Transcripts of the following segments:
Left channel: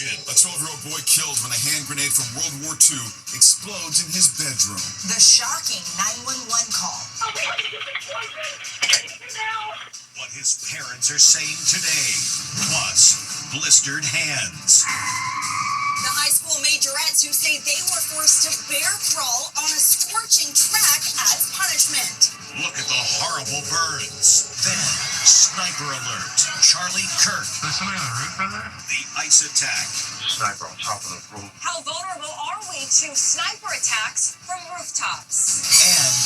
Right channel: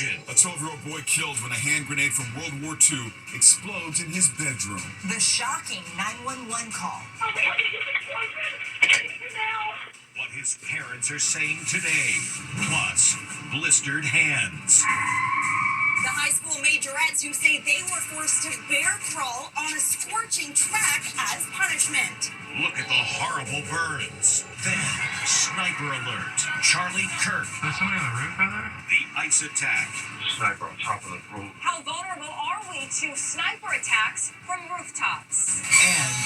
edition. A 12-year-old boy killed when a hand grenade from World War II explodes in his bedroom. The shocking 911 call. What his parents are saying today. Plus, blistered hands. The high school majorettes who say they were forced to bear crawl on a scorching track as punishment. Look at the horrible burns. Then, sniper alert. Charlie Kirk. There's somebody on the roof over there? The ice attack. Sniper on top of the roof. How vulnerable are we to sniper attacks from rooftops? And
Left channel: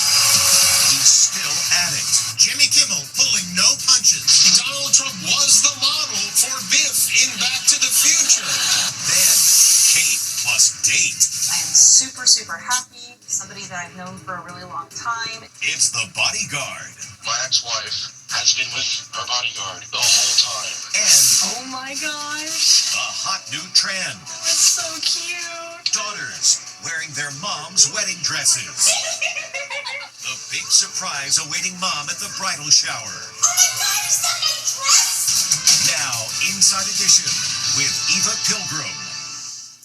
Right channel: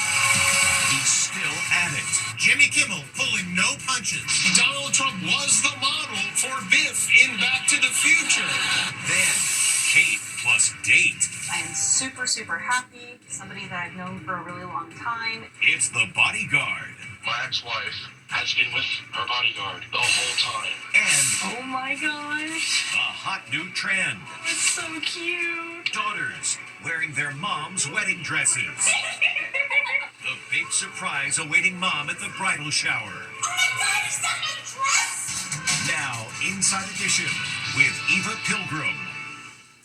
he's still at it. Jimmy Kimmel pulling no punches. Donald Trump was the model for Biff in Back to the Future. Then, Kate plus date. I am super, super happy. Somebody that I've known for a really long time. It's the bodyguard. My ex-wife has been with her bodyguard the whole time. And Oh my gosh. a hot new trend. It's so cute. Daughters wearing their mom's wedding dresses. The big surprise awaiting mom at the bridal shower. Oh my God, is that my dress? Now, Inside Edition with Eva Pilgrim.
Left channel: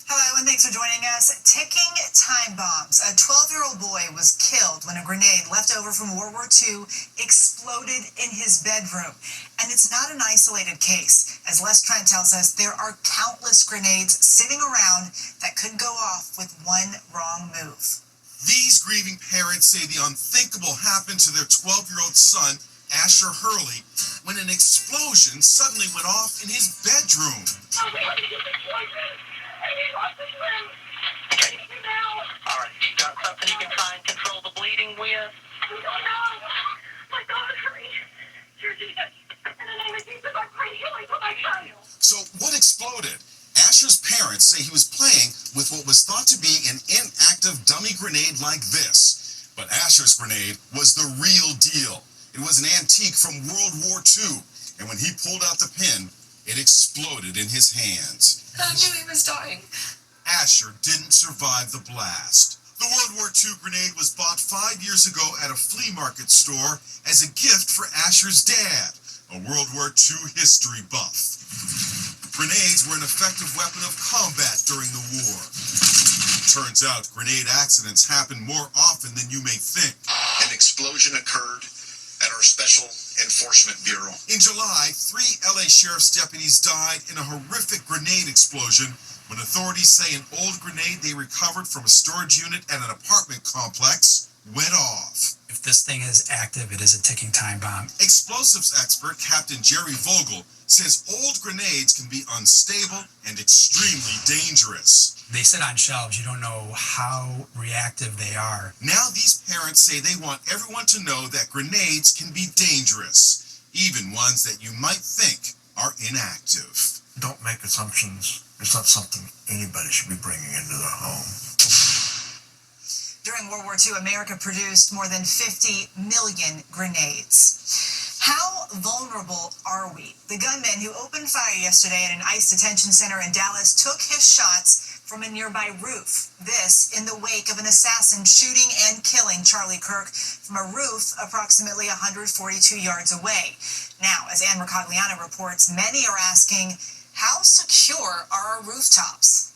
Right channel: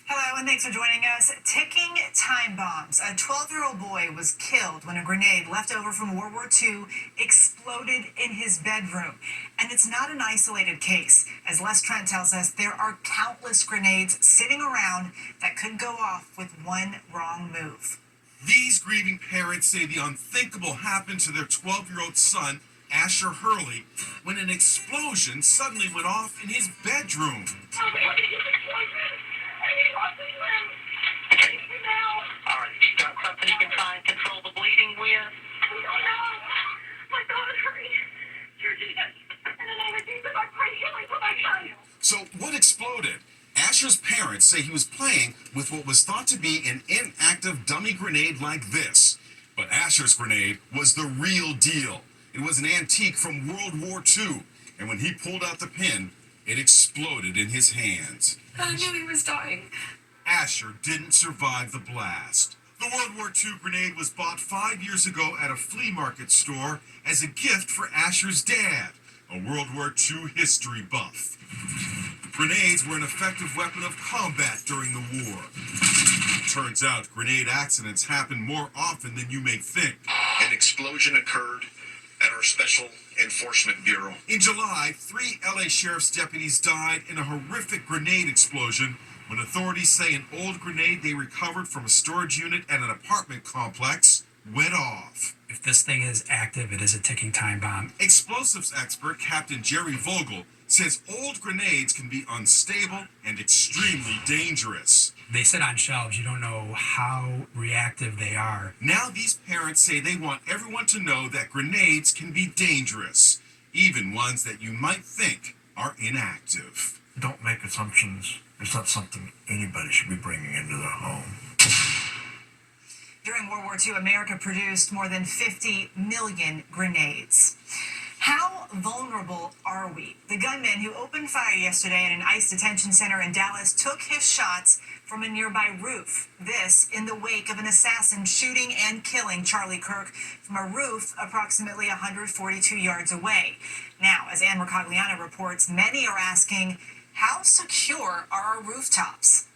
Hello, and thanks for joining us. Ticking time bombs. A 12-year-old boy was killed when a grenade left over from World War II exploded in his bedroom. And it's not an isolated case. As Les Trent tells us, there are countless grenades sitting around that could go off with one wrong move. These grieving parents say the unthinkable happened to their 12-year-old son, Asher Hurley, when an explosion suddenly went off in his bedroom. All right, you got something you can try and control the bleeding with? We don't know. My God, hurry. Dear Jesus, in the name of Jesus, I pray healing for my child. So what exploded? Asher's parents say he was playing with what was thought to be an inactive dummy grenade like this. But Asher's grenade was the real deal. It was an antique from World War II. And when he pulled out the pin, it exploded in his hands. I knew he was dying. Asher didn't survive the blast. The World War II grenade was bought 5 years ago at a flea market store as a gift for Asher's dad, a World War II history buff. Grenades were an effective weapon of combat during the war. Turns out grenade accidents happen more often than you may think. An explosion occurred at our Special Enforcement Bureau. In July, 3 LA sheriff's deputies died in a horrific grenade explosion when authorities say an old grenade they recovered from a storage unit at an apartment complex went off. If this thing is active, it is a ticking time bomb. Explosives expert Captain Jerry Vogel says old grenades can be unstable and extremely dangerous. They sit on shelves. You don't know how reactive they are. Now these parents say they want everyone to know that grenades can be dangerous, even ones that you might think are inactive. Don't make assumptions. It's not something anybody should be bringing into their home. During World War II, America produced more than 50 million grenades. How vulnerable are we? The gunman who opened fire yesterday at an ICE detention center in Dallas took his shots from a nearby roof. This in the wake of an assassin shooting and killing Charlie Kirk from a roof approximately 142 yards away. Now, as Ann Mercogliano reports, many are asking, how secure are our rooftops?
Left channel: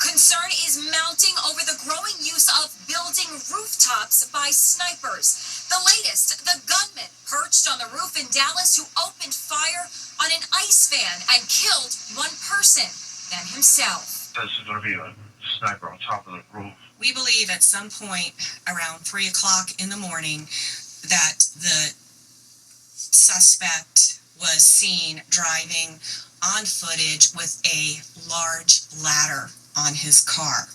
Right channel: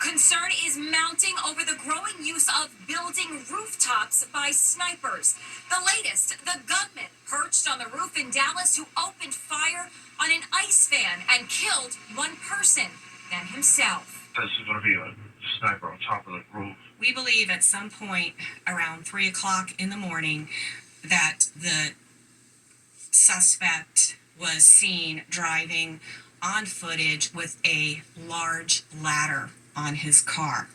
Concern is mounting over the growing use of building rooftops by snipers. The latest, the gunman perched on the roof in Dallas who opened fire on an ice van and killed one person, then himself. This is going to be a sniper on top of the roof. We believe at some point around 3 o'clock in the morning that the suspect was seen driving on footage with a large ladder on his car.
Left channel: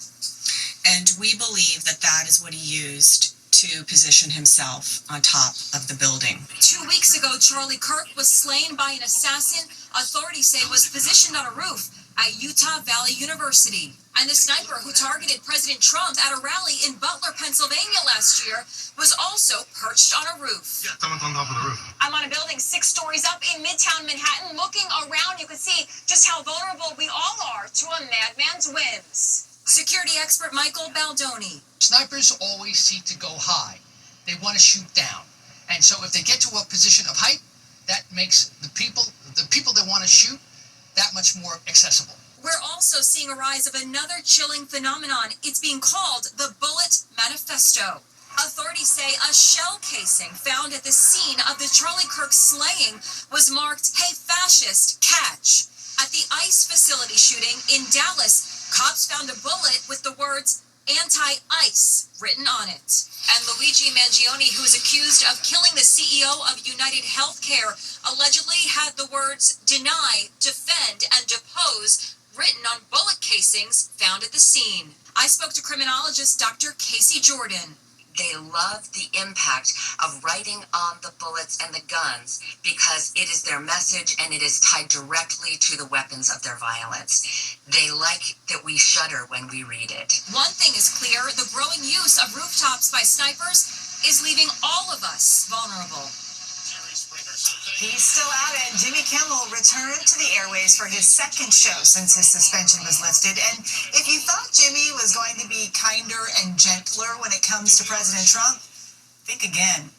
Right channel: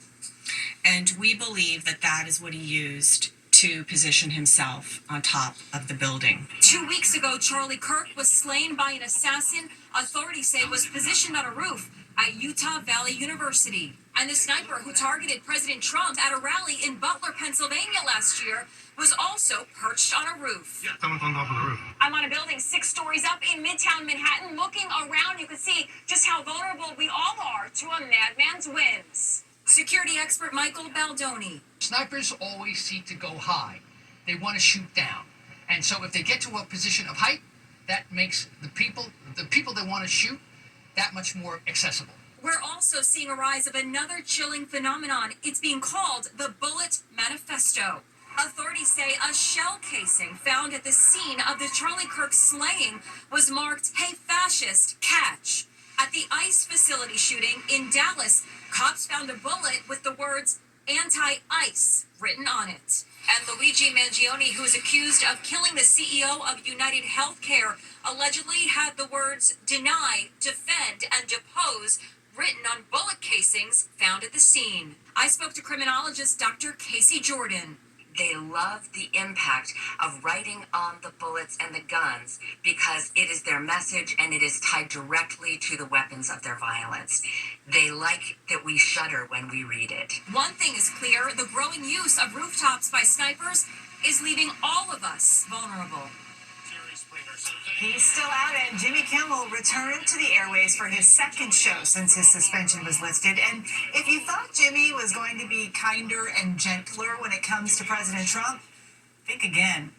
And we believe that that is what he used to position himself on top of the building. 2 weeks ago, Charlie Kirk was slain by an assassin authorities say was positioned on a roof at Utah Valley University. And the sniper who targeted President Trump at a rally in Butler, Pennsylvania last year was also perched on a roof. Yeah, someone's on top of the roof. I'm on a building 6 stories up in Midtown Manhattan. Looking around, you can see just how vulnerable we all are to a madman's whims. Security expert Michael Baldoni. Snipers always seek to go high. They want to shoot down. And so if they get to a position of height, that makes the people they want to shoot that much more accessible. We're also seeing a rise of another chilling phenomenon. It's being called the Bullet Manifesto. Authorities say a shell casing found at the scene of the Charlie Kirk slaying was marked, "Hey Fascist, Catch." At the ICE facility shooting in Dallas, cops found a bullet with the words "anti-ICE" written on it. And Luigi Mangione, who is accused of killing the CEO of United Healthcare, allegedly had the words "deny, defend, and depose" written on bullet casings found at the scene. I spoke to criminologist Dr. Casey Jordan. They love the impact of writing on the bullets and the guns because it is their message and it is tied directly to the weapons of their violence. They like that we shudder when we read it. One thing is clear, the growing use of rooftops by snipers is leaving all of us vulnerable. He's still at it. Jimmy Kimmel returned to the airways for his second show since his suspension was lifted. And if you thought Jimmy was going to be kinder and gentler when it comes to President Trump, think again.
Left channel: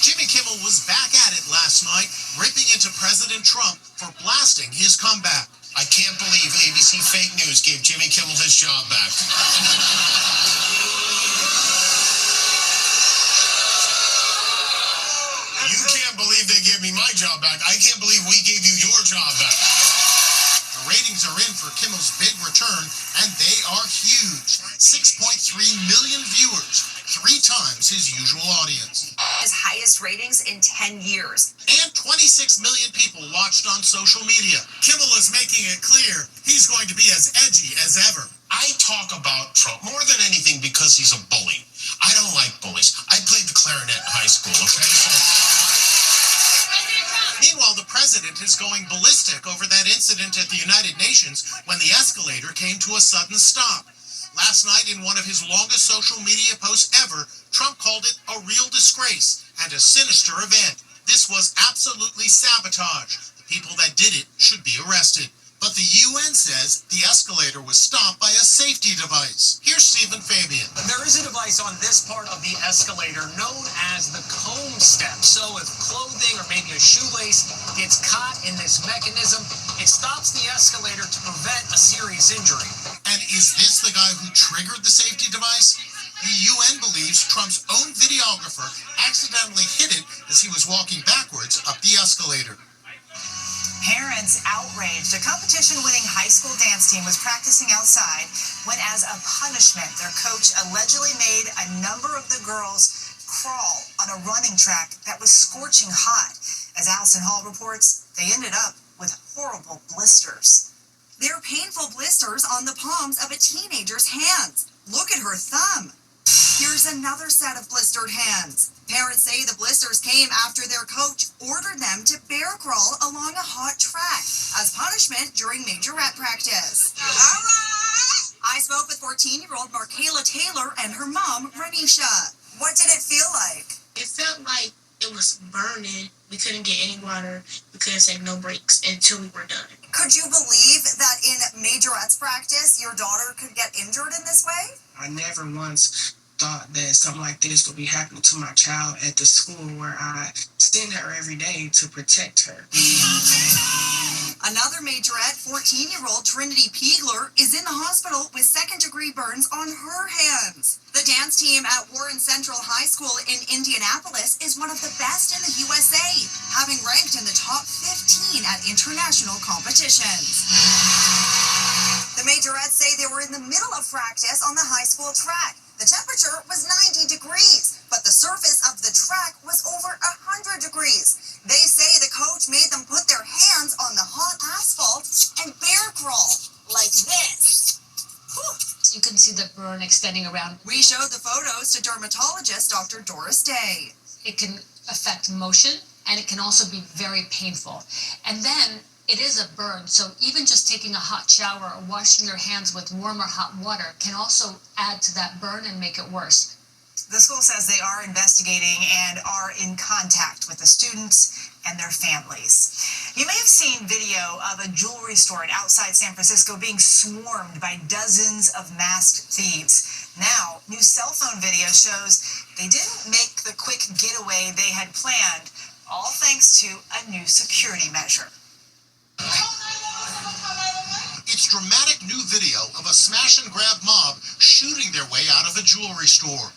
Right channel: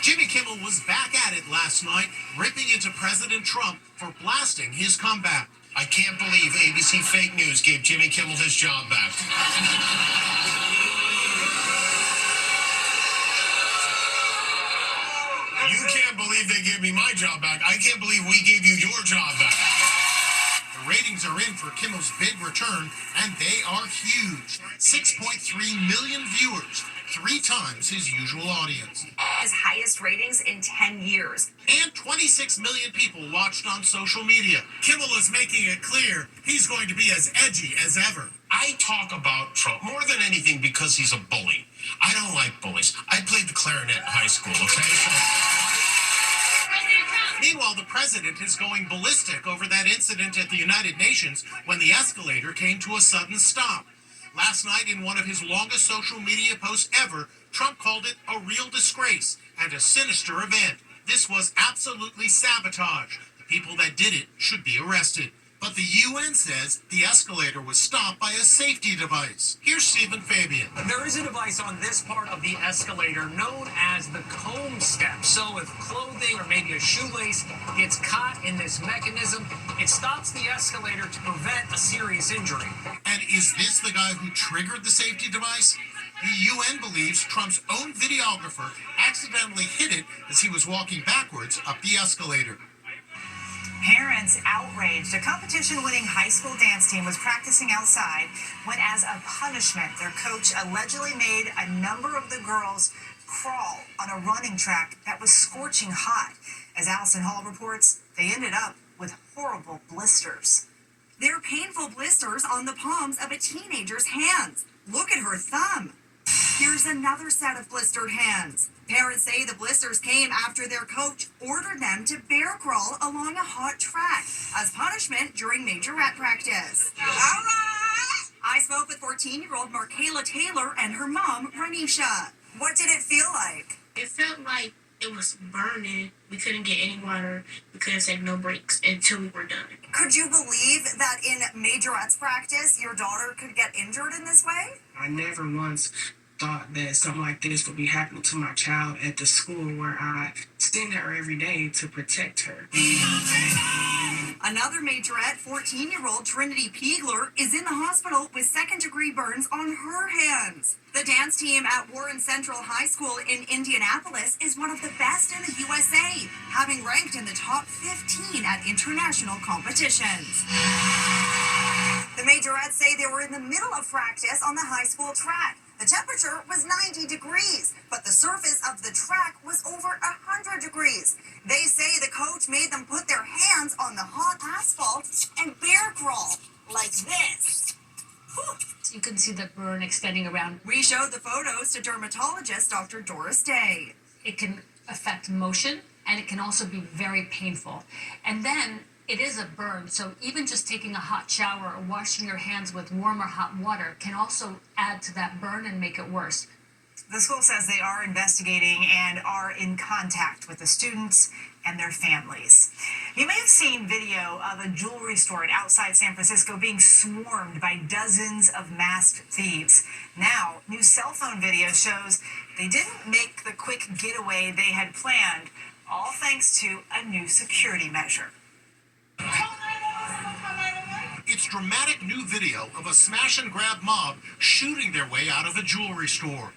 Jimmy Kimmel was back at it last night, ripping into President Trump for blasting his comeback. I can't believe ABC Fake News gave Jimmy Kimmel his job back. You can't believe they gave me my job back. I can't believe we gave you your job back. The ratings are in for Kimmel's big return, and they are huge. 6.3 million viewers, 3 times his usual audience. His highest ratings in 10 years. And 26 million people watched on social media. Kimmel is making it clear he's going to be as edgy as ever. I talk about Trump more than anything because he's a bully. I don't like bullies. I played the clarinet in high school, okay? Meanwhile, the president is going ballistic over that incident at the United Nations when the escalator came to a sudden stop. Last night, in one of his longest social media posts ever, Trump called it a real disgrace and a sinister event. This was absolutely sabotage. The people that did it should be arrested. But the UN says the escalator was stopped by a safety device. Here's Stephen Fabian. There is a device on this part of the escalator known as the comb step. So if clothing or maybe a shoelace gets caught in this mechanism, it stops the escalator to prevent a serious injury. And is this the guy who triggered the safety device? The UN believes Trump's own videographer accidentally hit it as he was walking backwards up the escalator. Parents outraged. A competition-winning high school dance team was practicing outside when, as a punishment, their coach allegedly made a number of the girls crawl on a running track that was scorching hot. As Allison Hall reports, they ended up with horrible blisters. They're painful blisters on the palms of a teenager's hands. Look at her thumb. Here's another set of blistered hands. Parents say the blisters came after their coach ordered them to bear crawl along a hot track as punishment during majorette practice. All right! I spoke with 14-year-old Markayla Taylor and her mom, Renisha. What did it feel like? It felt like it was burning. We couldn't get any water. We couldn't take no breaks until we were done. Could you believe that in majorettes practice, your daughter could get injured in this way? I never once thought that something like this would be happening to my child at the school where I send her every day to protect her. Another majorette, 14-year-old Trinity Piegler, is in the hospital with second-degree burns on her hands. The dance team at Warren Central High School in Indianapolis is one of the best in the USA, having ranked in the top 15 at international competitions. The majorettes say they were in the middle of practice on the high school track. The temperature was 90 degrees, but the surface of the track was over 100 degrees. They say the coach made them put their hands on the hot asphalt and bear crawl like this. Whew. You can see the burn extending around. We showed the photos to dermatologist Dr. Doris Day. It can affect motion, and it can also be very painful. And then it is a burn, so even just taking a hot shower or washing your hands with warm or hot water can also add to that burn and make it worse. The school says they are investigating and are in contact with the students and their families. You may have seen video of a jewelry store outside San Francisco being swarmed by dozens of masked thieves. Now, new cell phone video shows they didn't make the quick getaway they had planned, all thanks to a new security measure. It's dramatic new video of a smash-and-grab mob shooting their way out of a jewelry store.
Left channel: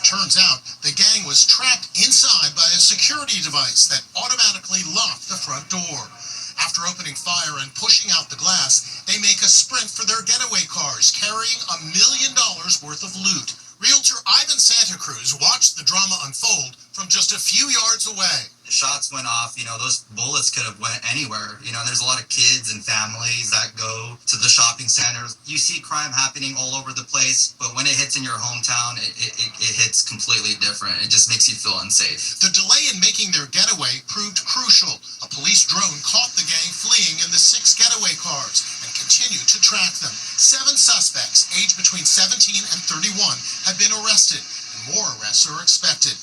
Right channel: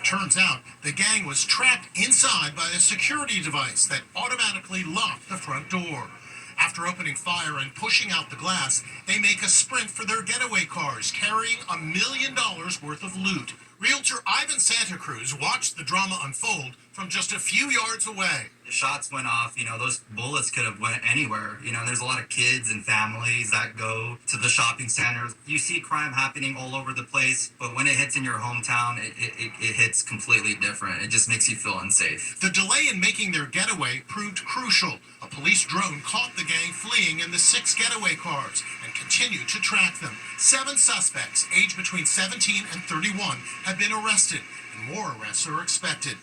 Turns out the gang was trapped inside by a security device that automatically locked the front door. After opening fire and pushing out the glass, they make a sprint for their getaway cars, carrying $1 million worth of loot. Realtor Ivan Santa Cruz watched the drama unfold from just a few yards away. The shots went off, those bullets could have went anywhere. There's a lot of kids and families that go to the shopping centers. You see crime happening all over the place, but when it hits in your hometown, it hits completely different. It just makes you feel unsafe. The delay in making their getaway proved crucial. A police drone caught the gang fleeing in the 6 getaway cars and continued to track them. 7 suspects, aged between 17 and 31, have been arrested, and more arrests are expected.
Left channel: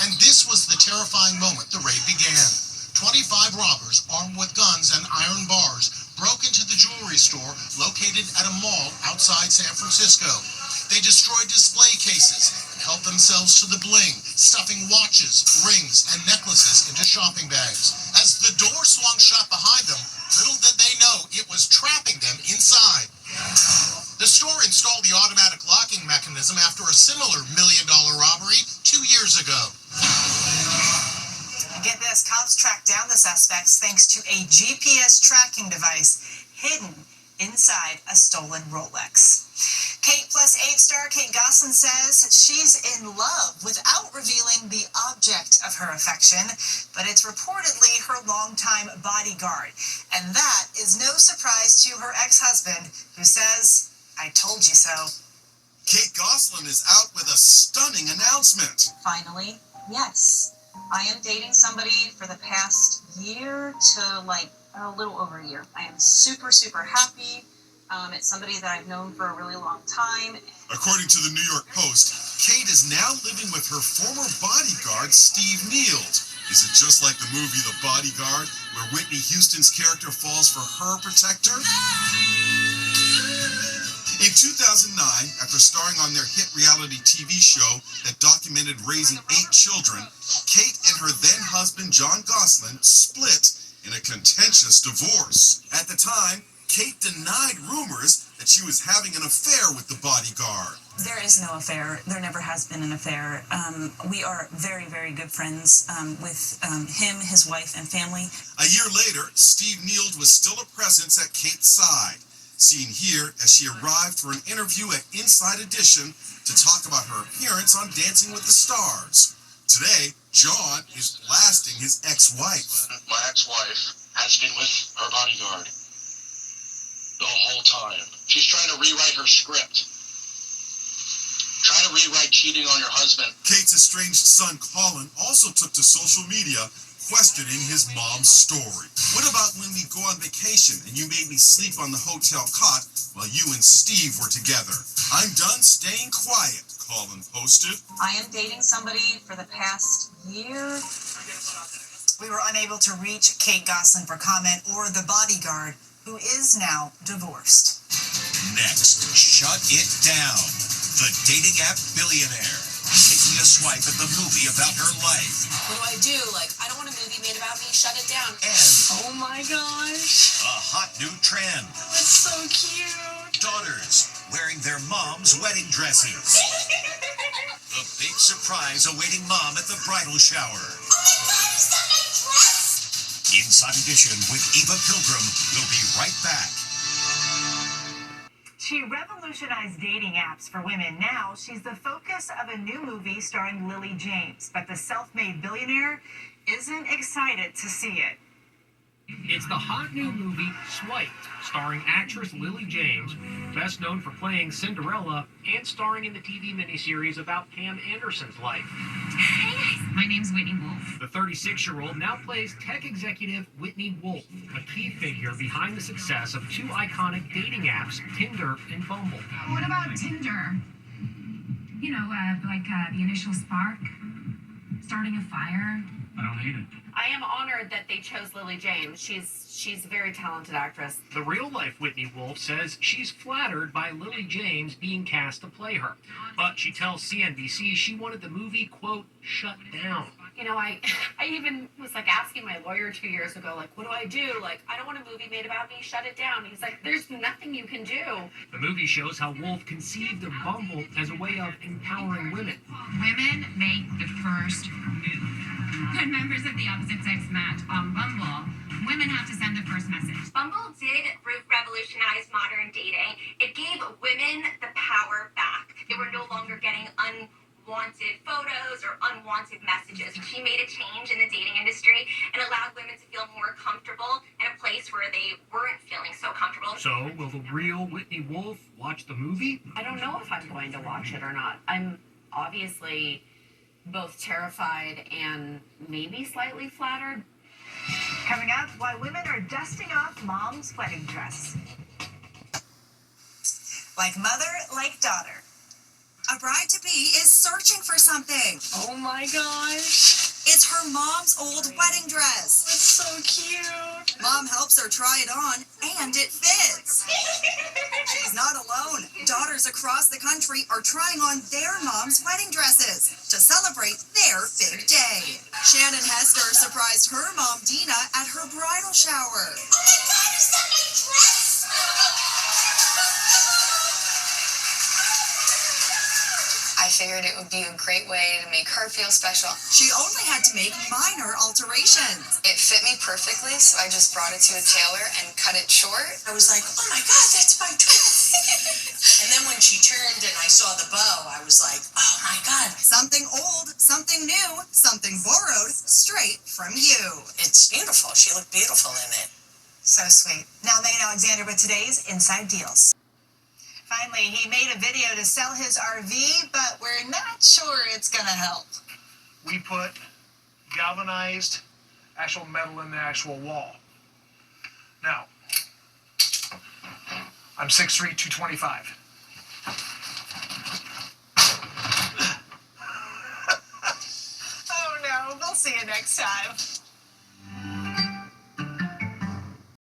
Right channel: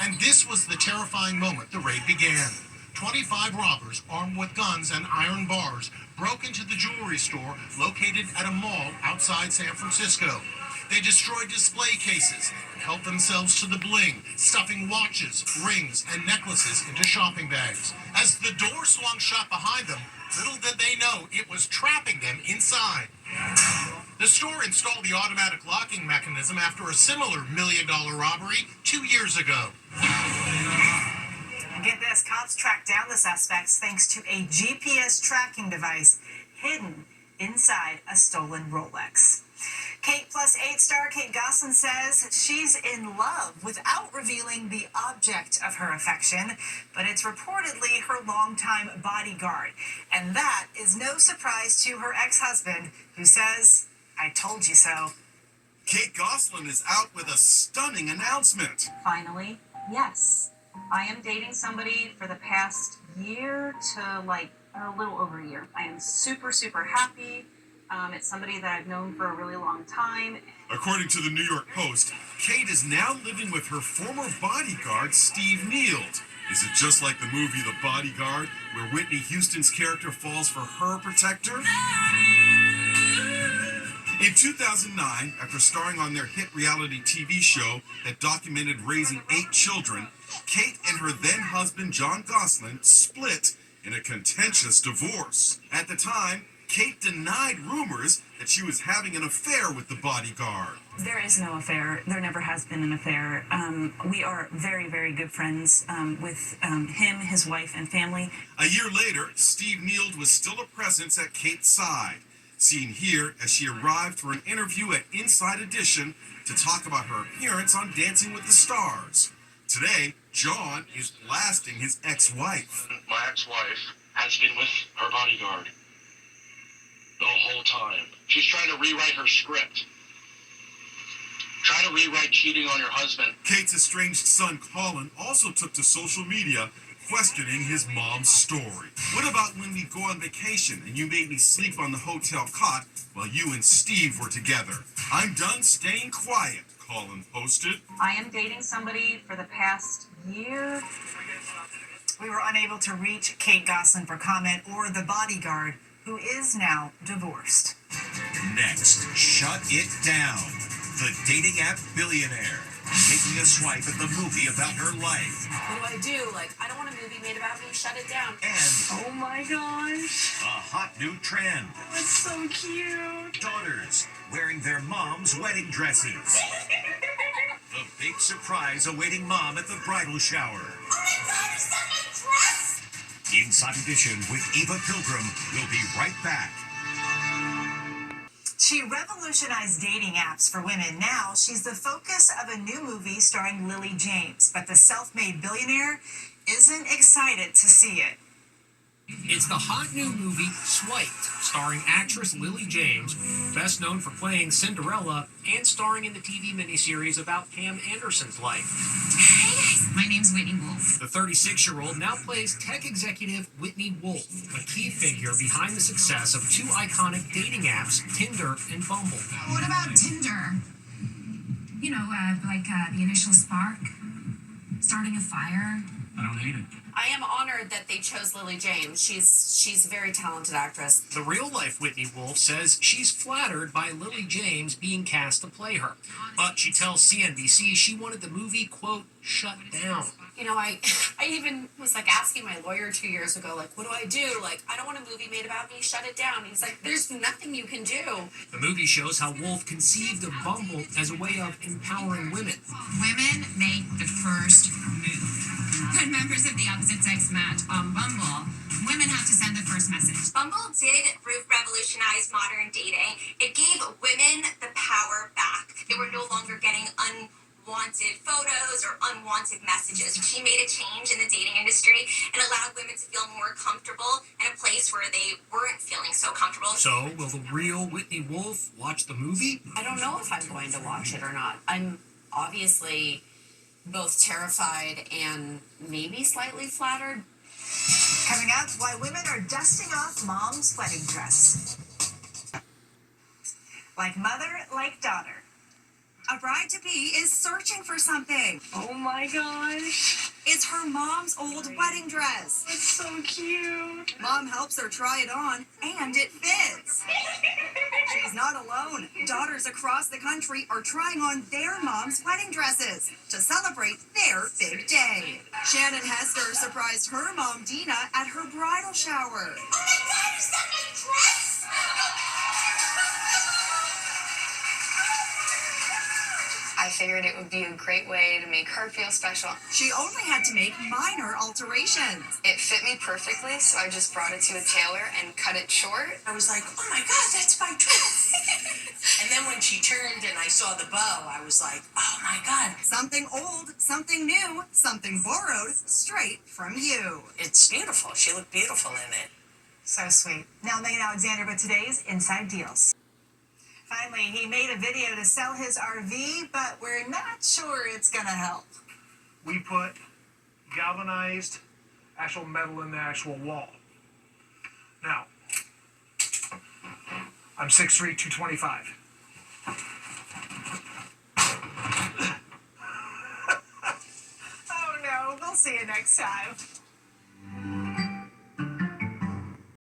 And this was the terrifying moment the raid began. 25 robbers armed with guns and iron bars broke into the jewelry store located at a mall outside San Francisco. They destroyed display cases and helped themselves to the bling, stuffing watches, rings, and necklaces into shopping bags. As the door swung shut behind them, little did they know it was trapping them inside. The store installed the automatic locking mechanism after a similar $1 million robbery 2 years ago. And get this, cops tracked down the suspects thanks to a GPS tracking device hidden inside a stolen Rolex. Kate Plus 8 star Kate Gosselin says she's in love without revealing the object of her affection, but it's reportedly her longtime bodyguard. And that is no surprise to her ex-husband, who says, "I told you so." Kate Gosselin is out with a stunning announcement. Finally, yes. I am dating somebody for the past year to a little over a year. I am super, super happy. It's somebody that I've known for a really long time. According to the New York Post, Kate is now living with her former bodyguard, Steve Nield. Is it just like the movie The Bodyguard, where Whitney Houston's character falls for her protector? In 2009, after starring on their hit reality TV show that documented raising 8 children, Kate and her then-husband John Gosselin split in a contentious divorce. At the time, Kate denied rumors that she was having an affair with the bodyguard. There is no affair. There never has been an affair. We are very, very good friends with him, his wife, and family. A year later, Steve Nield was still a presence at Kate's side. Seen here as she arrived for an interview at Inside Edition to talk about her appearance on Dancing with the Stars. Today, John is blasting his ex-wife. My ex-wife has been with her bodyguard the whole time. She's trying to rewrite her script. Try to rewrite cheating on your husband. Kate's estranged son, Colin, also took to social media questioning his mom's story. What about when we go on vacation and you made me sleep on the hotel cot while you and Steve were together? I'm done staying quiet, Colin posted. I am dating somebody for the past year. We were unable to reach Kate Gosselin for comment or the bodyguard, who is now divorced. Next, Shut It Down. The dating app billionaire taking a swipe at the movie about her life. What do I do? I don't want a movie made about me. Shut it down. And oh my gosh. a hot new trend. That's so cute. Daughters wearing their mom's wedding dresses. The big surprise awaiting mom at the bridal shower. Oh my God, is that my dress? Inside Edition with Eva Pilgrim will be right back. She revolutionized dating apps for women. Now she's the focus of a new movie starring Lily James, but the self-made billionaire isn't excited to see it. It's the hot new movie Swiped, starring actress Lily James, best known for playing Cinderella and starring in the TV miniseries about Pam Anderson's life. Hey guys, my name's Whitney Wolf. The 36-year-old now plays tech executive Whitney Wolf, a key figure behind the success of 2 iconic dating apps, Tinder and Bumble. What about Tinder? You know, the initial spark, starting a fire. I don't hate it. I am honored that they chose Lily James. She's a very talented actress. The real-life Whitney Wolf says she's flattered by Lily James being cast to play her. But she tells CNBC she wanted the movie, quote, shut down. You know, I even was like asking my lawyer 2 years ago, like, what do I do? Like, I don't want a movie made about me, shut it down. He's like, there's nothing you can do. The movie shows how Wolf conceived of Bumble as a way of empowering women. Women make the first move. When members of the opposite sex match on Bumble, women have to send the first message. Bumble did revolutionize modern dating. It gave women the power back. They were no longer getting unwanted photos or unwanted messages. She made a change in the dating industry and allowed women to feel more comfortable in a place where they weren't feeling so comfortable. So, will the real Whitney Wolf watch the movie? I don't know if I'm going to watch it or not. I'm obviously both terrified and maybe slightly flattered. Coming up, why women are dusting off mom's wedding dress. Like mother, like daughter. A bride-to-be is searching for something. Oh my gosh. It's her mom's old wedding dress. It's so cute. Mom helps her try it on, and it fits. She's not alone. Daughters across the country are trying on their mom's wedding dresses to celebrate their big day. Shannon Hester surprised her mom, Dina, at her bridal shower. Oh my God, is that my dress? I figured it would be a great way to make her feel special. She only had to make minor alterations. It fit me perfectly, so I just brought it to a tailor and cut it short. I was like, oh my God, that's my dress. And then when she turned and I saw the bow, I was like, oh my God. Something old, something new, something borrowed, straight from you. It's beautiful. She looked beautiful in it. So sweet. Now, Megan Alexander with today's Inside Deals. Finally, he made a video to sell his RV, but we're not sure it's going to help. We put galvanized actual metal in the actual wall. Now, I'm 6'3", 225. Oh no, we'll see you next time.